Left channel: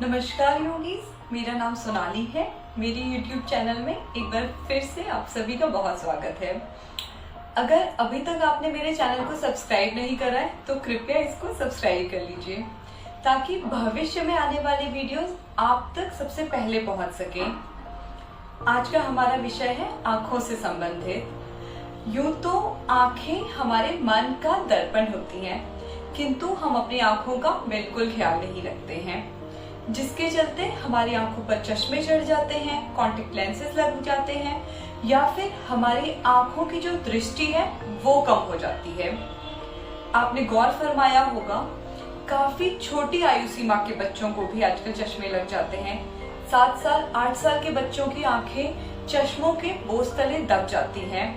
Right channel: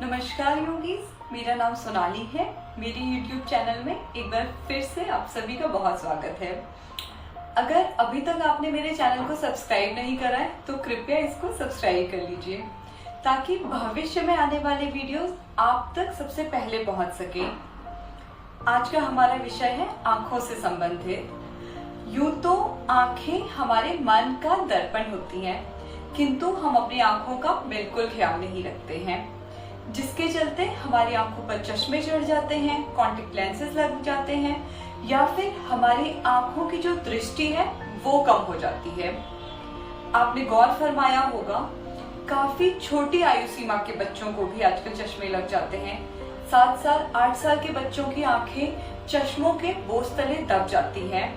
नमस्कार योगीज, मेरा नाम सोनाली है। मेरे YouTube चैनल में एक बार फिर से आप सभी का बहुत स्वागत है। अगर अभी तक आपने मेरे चैनल को सब्सक्राइब नहीं करा है तो कृपया इसको सब्सक्राइब कर लीजिए ताकि भविष्य में आने वाले वीडियोस आप तक सबसे पहले पहुंच सके। आज का हमारा विषय है आंखों से संबंधित। यूं तो आंखें हमारे मन का दर्पण होती हैं, किंतु हम अपनी आंखों का बिल्कुल ख्याल नहीं रखते हैं, जिसके चलते हमारी आंखों पर चश्मे चढ़ जाते हैं, कॉन्टेक्ट लेंसेज लग जाते हैं या फिर हमारी आंखों की जो दृष्टि है वो कम हो जाती है। आपने गौर फरमाया होगा, काफी छोटी आयु सीमा के बच्चों को भी आजकल चश्मे लग जाते हैं। 7 साल 8 साल के बच्चों की आंखें चश्मों के बोझ तले दब जाती हैं।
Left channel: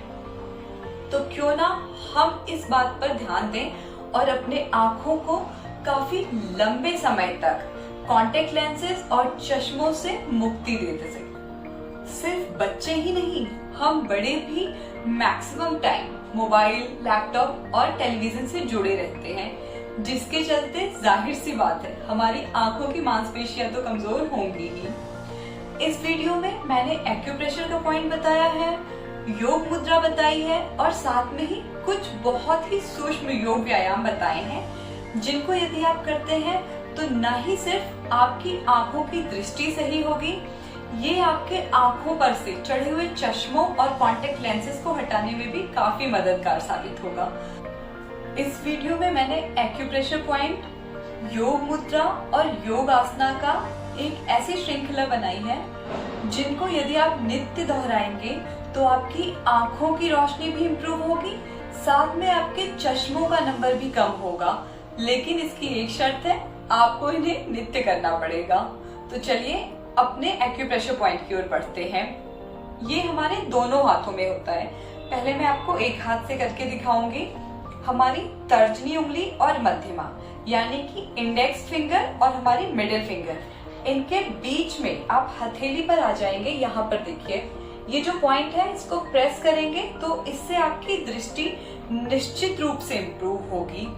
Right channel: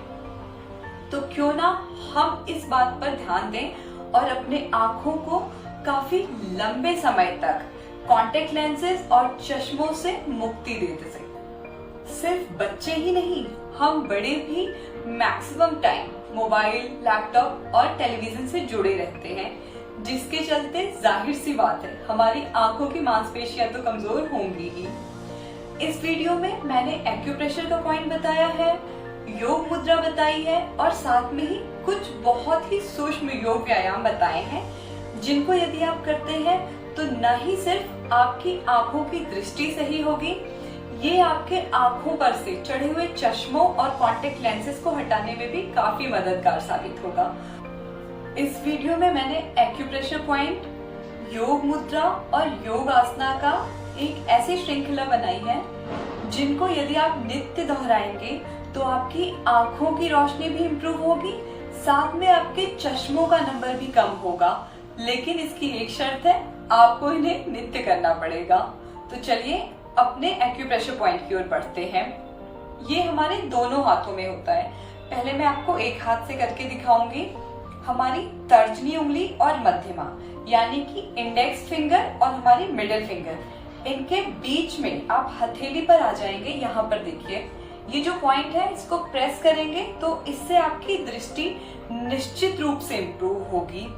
तो क्यों ना हम इस बात पर ध्यान दें और अपने आंखों को काफी लंबे समय तक कॉन्टेक्ट लेंसेज और चश्मों से मुक्ति देते सके। सिर्फ बच्चे ही नहीं, हम बड़े भी मैक्सिमम टाइम मोबाइल, लैपटॉप और टेलीविजन से जुड़े रहते हैं, जिसके चलते जाहिर सी बात है हमारी आंखों की मांसपेशियां तो कमजोर होंगी ही। इस वीडियो में मैंने एक्यूप्रेशर का पॉइंट बताया है, योग मुद्रा बताई है और साथ में ही कुछ बहुत ही सूक्ष्म योग व्यायाम बताए हैं, जिनको यदि आप करते हैं तो न ही सिर्फ आपकी आंखों की दृष्टि सही होगी, ये आपके आंखों पर से चढ़े हुए चश्मों और कॉन्टेक्ट लेंसेज को हटाने में भी काफी मददगार साबित होगा। इस वीडियो में मैंने एक्यूप्रेशर पॉइंट, योग मुद्रा और योग आसना का एक ऐसी श्रृंखला बनाई है जिनको यदि आप नित्य दोहराएंगे तो आपकी आंखों की रोशनी भी इम्प्रूव होगी, साथ में आपके चश्मों का नंबर भी कम होगा। लेकिन इसकी एक शर्त है, आपको इन्हें नित्य करना पड़ेगा। तो चलिए अपने एक्यूप्रेशर पॉइंट की ओर बढ़ते हैं। ये हमारे दोनों हाथों में होता है। पहले मैं आपको एक हाथ से करके दिखाऊंगी। हमारी तर्जनी उंगली और मध्यमा यानी कि इंडेक्स फिंगर और हमारी मिडिल फिंगर, इनके बीच में आप हथेली पर आ जाएंगे। यहाँ पर देखिए, ये जो पॉइंट है इसको प्रेस करेंगे तो इससे आपकी दृष्टि निश्चित रूप से इम्प्रूव होगी।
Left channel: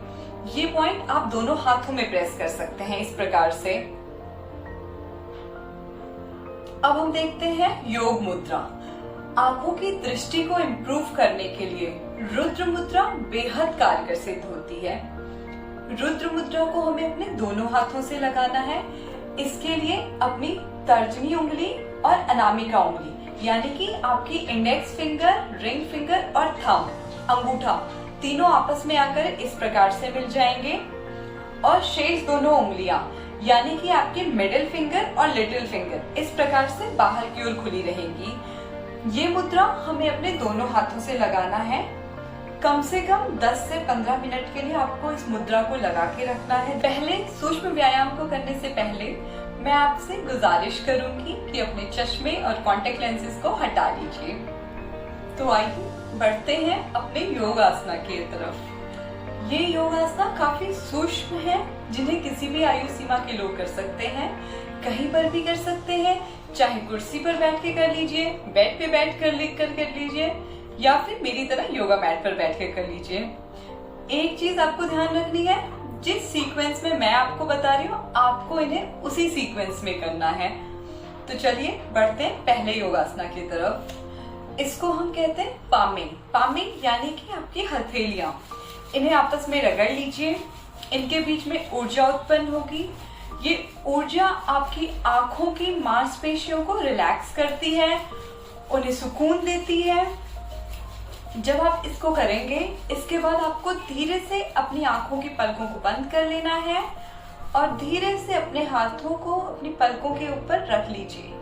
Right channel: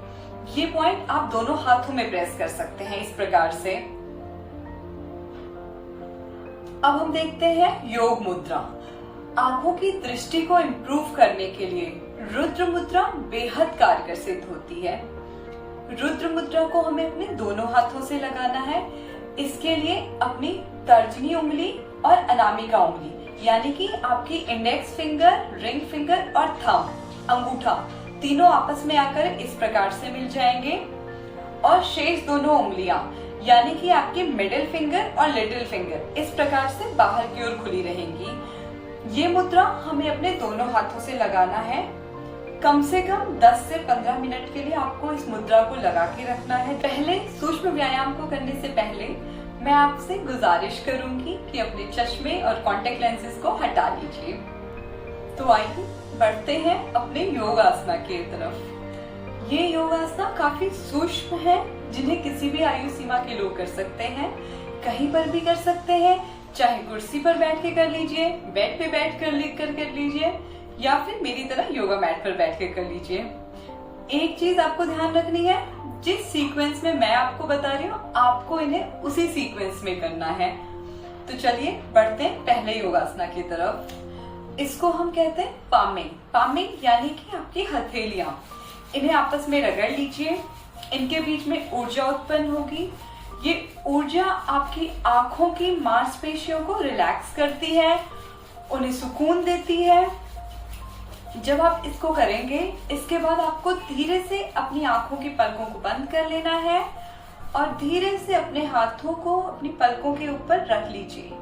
ये पॉइंट आप दोनों हाथों में प्रेस कर सकते हैं इस प्रकार से। अब हम देखते हैं योग मुद्रा। आंखों की दृष्टि को इम्प्रूव करने के लिए रुद्र मुद्रा बेहद कारगर सिद्ध होती है। रुद्र मुद्रा को हमें अपने दोनों हाथों से लगाना है। इसके लिए अपनी तर्जनी उंगली और अनामिका उंगली यानी कि आपकी इंडेक्स फिंगर, रिंग फिंगर और थंब, अंगूठा, तीनों आपस में आकर इस प्रकार से मिल जाएंगे और शेष दोनों उंगलियां यानी कि आपकी मिडिल फिंगर और लिटिल फिंगर इस प्रकार से बाहर की ओर खुली रहेंगी। ये मुद्रा हमें अपने दोनों हाथों से लगाना है। कम से कम 10 से 15 मिनट के लिए आपको इस मुद्रा को लगा के रखना है। पहले सूक्ष्म व्यायाम को करने से पहले मैं आपसे गुजारिश करूंगी कि अपने चश्मे और कॉन्टेक्ट लेंसेज को हटा लीजिए। तो आइए बढ़ते हैं अपने योग आसना की तरफ। ये योग आसना काफी सूक्ष्म है, जिन्हें किसी भी आयु सीमा के लोग कर सकते हैं, कहीं पर भी कर सकते हैं, चाहे कुर्सी पर बैठ के कर लीजिए, बेड पे बैठ कर लीजिए या फिर मेरी तरह योगा मैट पर बैठ कर लीजिए। एक चीज आपको ध्यान रखनी है, जिस सीक्वेंस में मैं आपको बता रही हूँ आपको इन्हें उसी सीक्वेंस में करना है। तो चलिए बढ़ते हैं पहले योगासना की तरफ। इसको हम कहते हैं पामिंग। पामिंग यानी कि आपकी हथेलियां, इन्हें आपस में रगड़ लीजिए। इनके बीच में ऊर्जा उत्पन्न होगी। ये ऊर्जा आपकी आंखों की मांसपेशियों को रिलैक्स करती है, उन्हें सुकून देती है। जब आप इसको करेंगे, इसके बाद आपको धीरे से अपनी आंखों की पलकों को बंद कर लेना है और धीरे से अपने हाथों को अपनी पलकों के ऊपर रख लीजिए।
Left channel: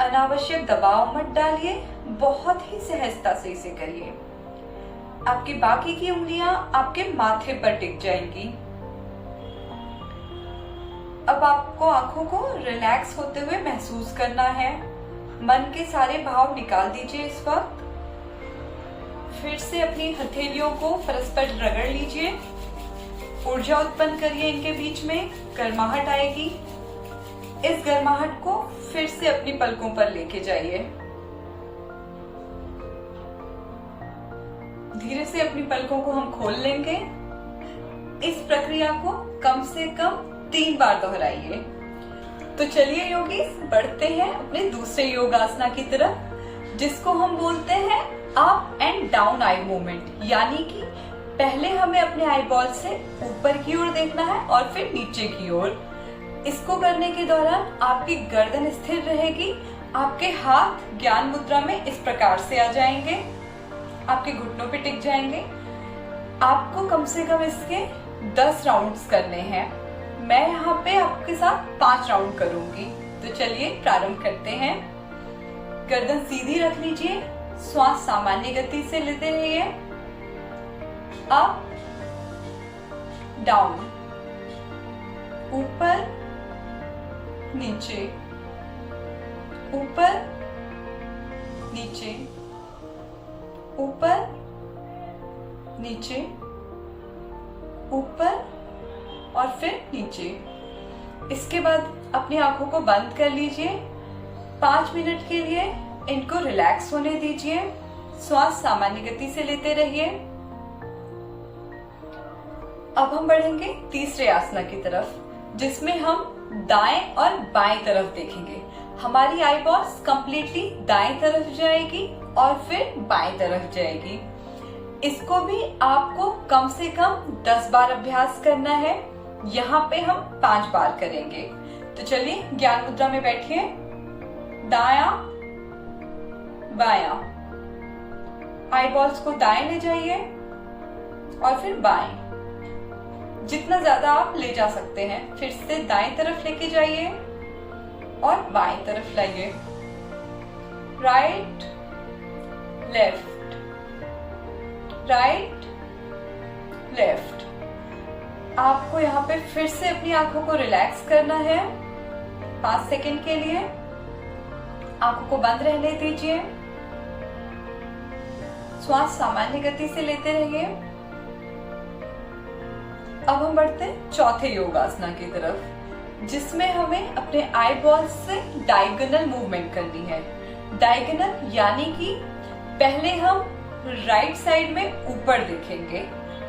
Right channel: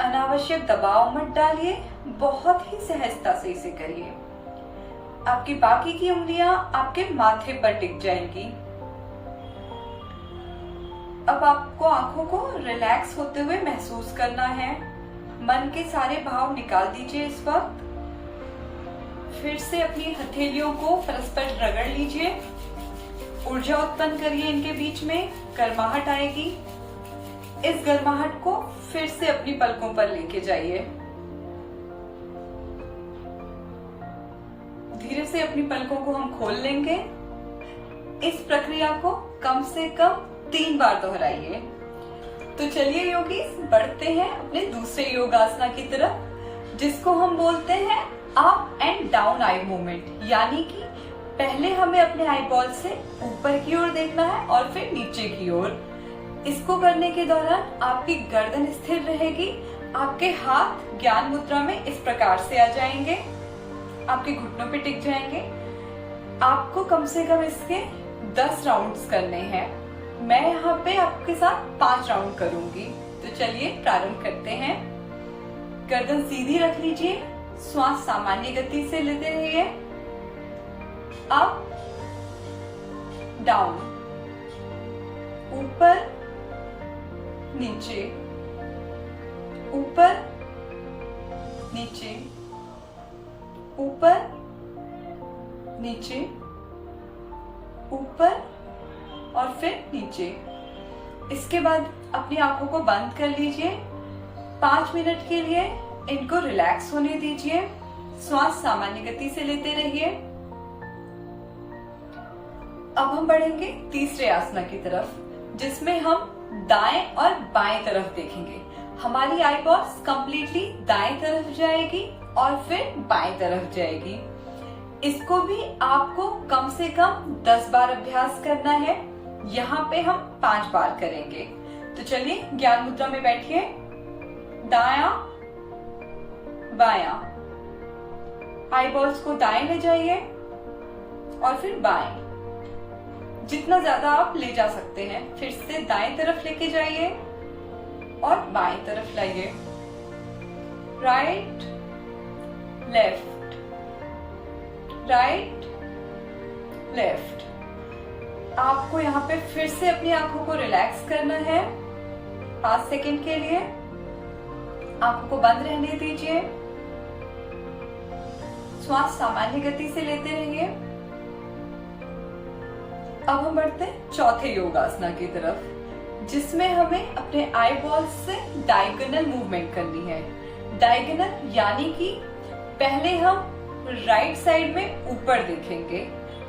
अनावश्यक दबाव मत डालिए, बहुत ही सहजता से इसे करिए। आपकी बाकी की उंगलियां आपके माथे पर टिक जाएंगी। अब आपको आंखों को रिलैक्स होते हुए महसूस करना है। मन के सारे भाव निकाल दीजिए इस वक्त। फिर से अपनी हथेलियों को परस्पर रगड़ लीजिए, ऊर्जा उत्पन्न करिए। इनके बीच में गर्माहट आएगी। इस गर्माहट को फिर से अपनी पलकों पर लेके जाइए। धीरे से अपनी पलकों को हम खोल लेंगे। इस प्रक्रिया को कम से कम 3 बार दोहराइए। तो चलिए योगीज बढ़ते हैं अपने दूसरे योगासना की तरफ, जिसको हम बोलते हैं up and down eye movement. यानी कि पहले हमें अपने आई बॉल से ऊपर की ओर देखना है और फिर नीचे की ओर। इसको करने के दौरान आपकी गर्दन स्थिर रहेगी, आपके हाथ ज्ञान मुद्रा में इस प्रकार से आ जाएंगे, आपके घुटनों पे टिक जाएंगे। आपको कम से कम इसके 10 राउंड्स करने हैं। मैं यहाँ पे आपके साथ 5 राउंड करूंगी। तो चलिए प्रारंभ करते हैं। गर्दन सीधी रख लीजिए, श्वास सामान्य गति से लेते रहिए। अप डाउन, ऊपर नीचे, ऊपर नीचे, ऊपर नीचे, ऊपर और फिर नीचे। इसके बाद अपनी आंखों को बंद कर लीजिए। 5 मिनट के लिए इनको रिलैक्स होने दीजिए। श्वास सामान्य गति से लेते रहिए। अब हम बढ़ेंगे तीसरे आसना की तरफ, जिसमें हम दाएं और बाएं तरफ देखेंगे। हमारी आई बॉल्स कंप्लीटली दाएं तरफ जाएगी और फिर बाएं तरफ जाएगी। इसको भी आपको कम से कम 10 बार अभ्यास करना है। यहाँ पे हम 5 बार करेंगे। तो चलिए ज्ञान मुद्रा में बैठिए। दायां बायां, आई बॉल्स को दाएं ले जाइए और फिर बाएं, जितना ज्यादा आप ले जा सकते हैं। फिर से दाएं तरफ लेके जाइए और बाएं तरफ लाइए। Right left, right left. आपको यहाँ पे फिर से अपनी आंखों को रिलैक्स करना है 5 सेकंड के लिए। आंखों को बंद रहने दीजिए। श्वास सामान्य गति से लेते रहिए। अब हम बढ़ते हैं चौथे योगासना की तरफ, जिसमें हमें अपने आई बॉल्स से डायगोनल मूवमेंट करनी है। डायगोनल यानी कि पहले हम राइट साइड में ऊपर देखेंगे,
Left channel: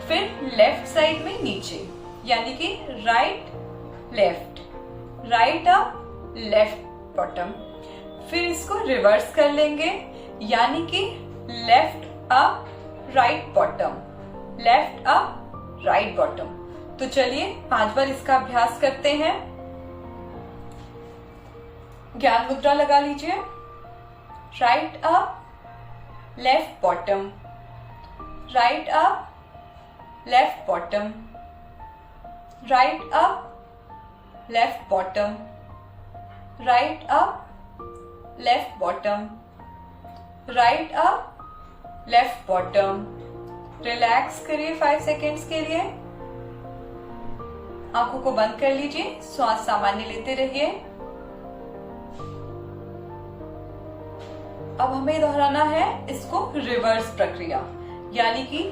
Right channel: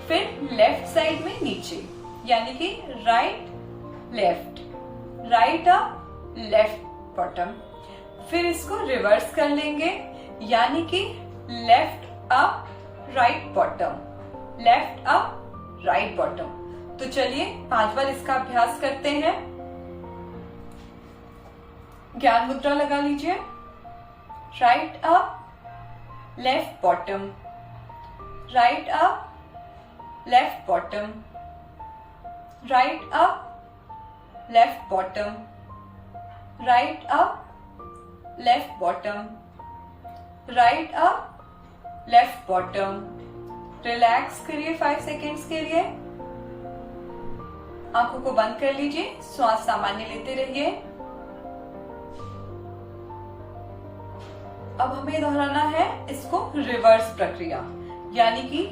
फिर लेफ्ट साइड में नीचे, यानी कि right left, right up left bottom. फिर इसको रिवर्स कर लेंगे, यानी कि left up right bottom, left up right bottom. तो चलिए 5 बार इसका अभ्यास करते हैं। ज्ञान मुद्रा लगा लीजिए। Right up left bottom, right up left bottom, right up left bottom, right up left bottom, right up left bottom. Relax करिए 5 सेकेंड्स के लिए। आंखों को बंद कर लीजिए। श्वास सामान्य लेते रहिए। अब हमें दोहराना है इसको रिवर्स प्रक्रिया, यानी कि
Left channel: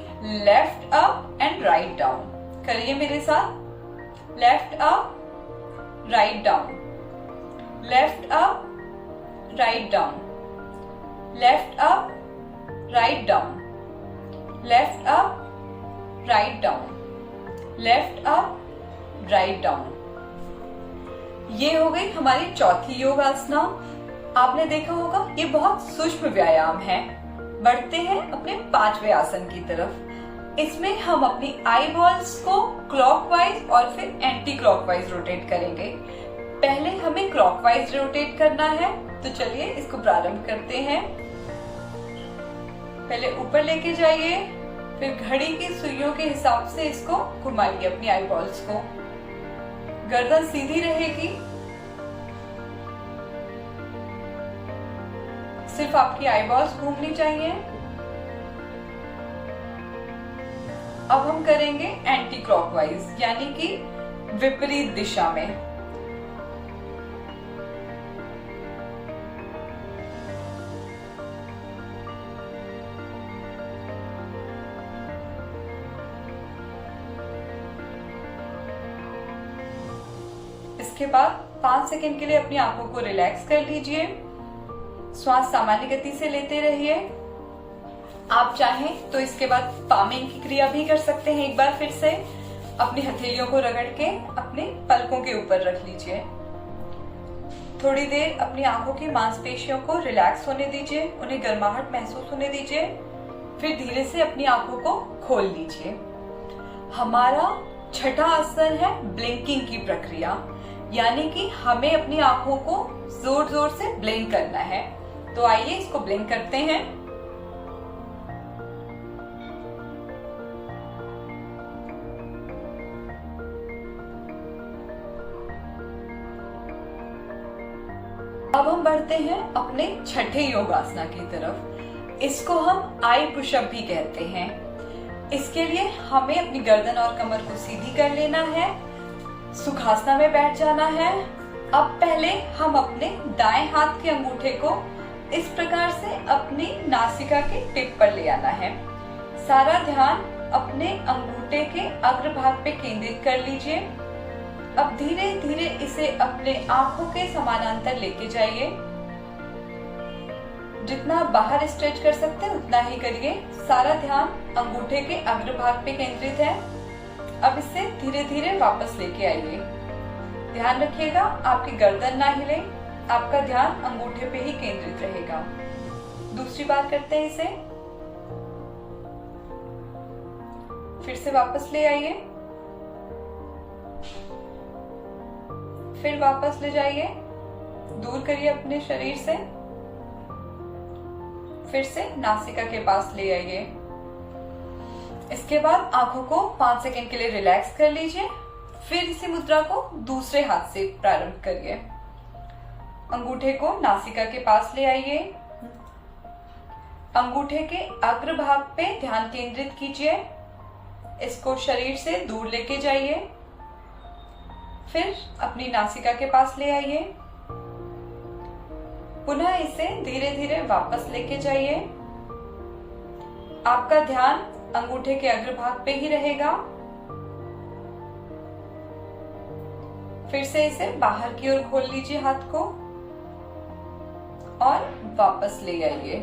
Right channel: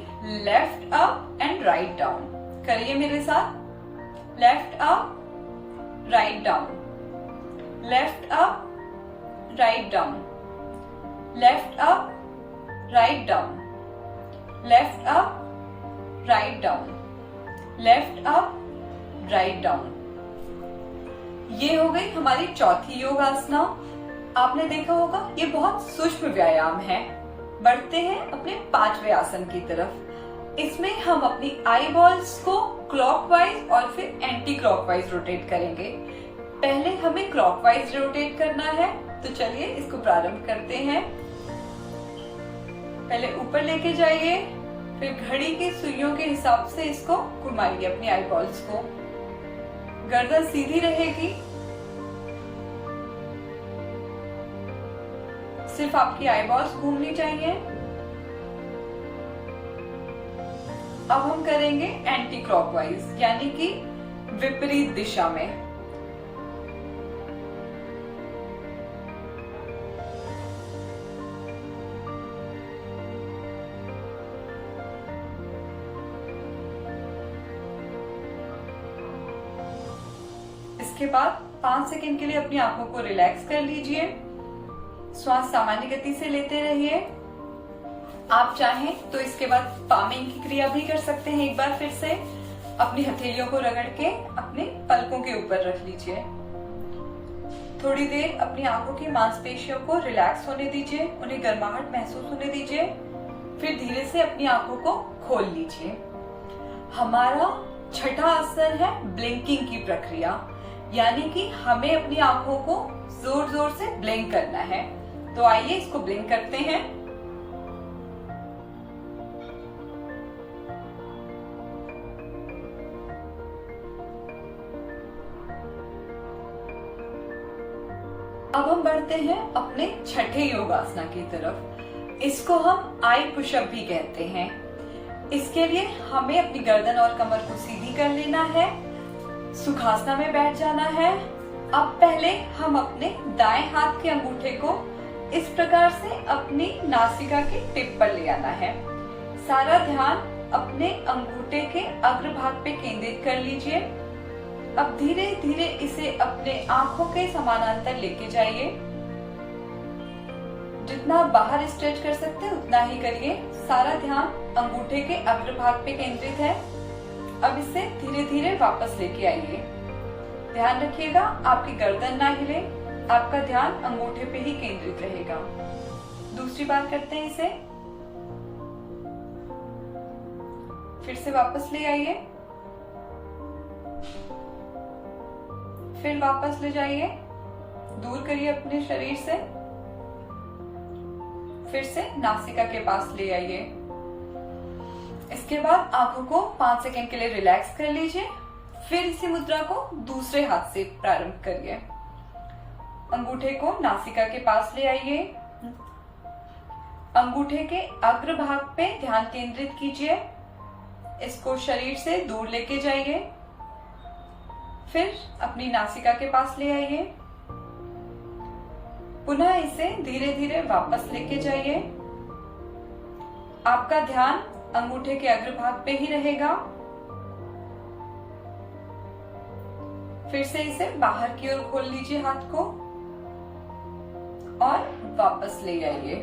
left up and write down. करिए मेरे साथ। Left up write down, left up write down, left up write down, left up write down, left up write down. ये हो गई हमारी चौथी योगासना। आपने देखा होगा ये बहुत सूक्ष्म व्यायाम है। बढ़ते हैं अपने 5वें आसन की तरफ। इसमें हम अपनी आई बॉल्स को क्लॉकवाइज और फिर एंटी क्लॉकवाइज रोटेट करेंगे। पहले हमें क्लॉकवाइज रोटेट करना है, तो चलिए इसको प्रारंभ करते हैं। पहले ऊपर लेके जाइए, फिर घड़ी की सुइयों के हिसाब से इसको घुमाइए अपनी आई बॉल्स को। गर्दन सीधी रहेगी, सिर्फ आपकी आई बॉल्स घूमनी चाहिए। अब हम करेंगे एंटी क्लॉकवाइज, यानी कि विपरीत दिशा में। इसके बाद 5 सेकंड के लिए अपनी आंखों को रिलैक्स कर लीजिए। श्वास सामान्य गति से लेते रहिए। आप चाहें तो इसके बाद पामिंग की क्रिया भी कर सकते हैं। एक बार फिर से अपनी हथेलियों को रगड़ के अपने पलकों के ऊपर रख लीजिए। थोड़ी देर अपनी आंखों की मांसपेशियों को रिलैक्स होने दीजिए, उन्हें गर्माहट महसूस होने दीजिए। फिर धीरे से अपनी आंखों को खोल लीजिए। हमारा छठा आसन है ब्लिंकिंग की प्रक्रिया, यानी कि हमें अपनी आंखों को जोर जोर से ब्लिंक करना है। तो आइए इसको ब्लिंक करते हैं। अब हम बढ़ते हैं अपने छठे योगासना की तरफ। इसको हम आई पुशअप भी कहते हैं। इसके लिए हमें अपनी गर्दन और कमर को सीधी कर लेना है, सुखासना में बैठ जाना है। अब पहले हम अपने दाएं हाथ के अंगूठे को इस प्रकार से अपनी नासिका के टिप पर ले आना है। सारा ध्यान अपने अंगूठे के अग्रभाग पे केंद्रित कर लीजिए। अब धीरे धीरे इसे अपने आंखों के समानांतर लेके जाइए। जितना बाहर स्ट्रेच कर सकते हैं उतना ही करिए। सारा ध्यान अंगूठे के अग्रभाग पे केंद्रित है। अब इसे धीरे धीरे वापस लेके आइए। ध्यान रखिएगा आपकी गर्दन ना हिले, आपका ध्यान अंगूठे पे ही केंद्रित रहेगा। दूसरी बार करते हैं इसे। फिर से वापस ले आइए, फिर वापस ले जाइए, दूर करिए अपने शरीर से। फिर से नासिका के पास ले आइए। इसके बाद आंखों को 5 सेकंड के लिए रिलैक्स कर लीजिए। फिर इसी मुद्रा को दूसरे हाथ से प्रारंभ करिए। अंगूठे को नासिका के पास ले आइए। अंगूठे के अग्रभाग पे ध्यान केंद्रित कीजिए। इसको शरीर से दूर लेके जाइए। फिर अपनी नासिका के पास ले आइए। पुनः इसे धीरे धीरे वापस लेके जाइए। आपका ध्यान अंगूठे के अग्रभाग पे ही रहेगा। फिर से इसे बाहर की ओर खोल लीजिए हाथ को और वापस ले आइए।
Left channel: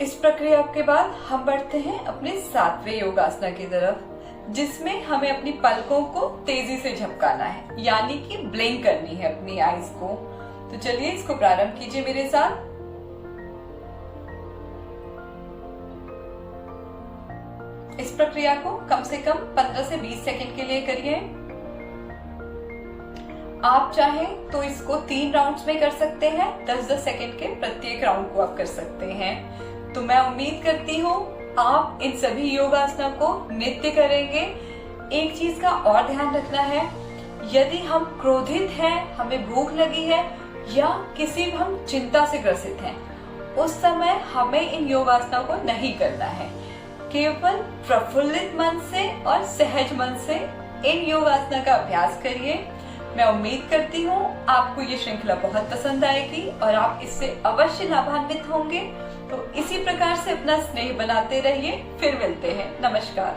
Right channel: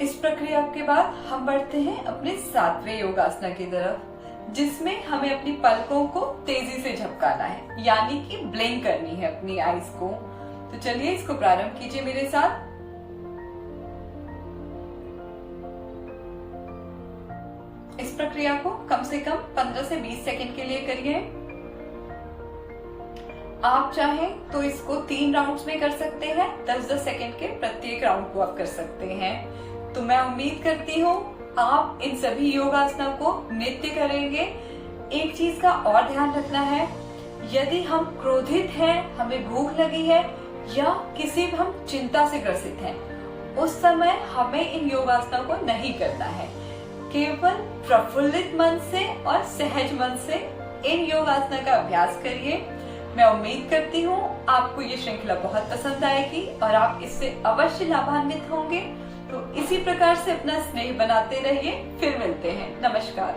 इस प्रक्रिया के बाद हम बढ़ते हैं अपने 7वें योगासना की तरफ, जिसमें हमें अपनी पलकों को तेजी से झपकाना है, यानी कि ब्लिंक करनी है अपनी आईज को। तो चलिए इसको प्रारंभ कीजिए मेरे साथ। इस प्रक्रिया को कम से कम 15 से 20 सेकंड के लिए करिए। आप चाहें तो इसको 3 राउंड्स में कर सकते हैं। 10-10 सेकंड के प्रत्येक राउंड को आप कर सकते हैं। तो मैं उम्मीद करती हूँ आप इन सभी योगासना को नित्य करेंगे। एक चीज का और ध्यान रखना है, यदि हम क्रोधित हैं, हमें भूख लगी है या किसी भी हम चिंता से ग्रसित हैं, उस समय हमें इन योगासना को नहीं करना है। केवल प्रफुल्लित मन से और सहज मन से इन योगासना का अभ्यास करिए। मैं उम्मीद करती हूँ आपको ये श्रृंखला बहुत पसंद आएगी और आप इससे अवश्य लाभान्वित होंगे। तो इसी प्रकार से अपना स्नेह बनाते रहिए। फिर मिलते हैं। नमस्कार।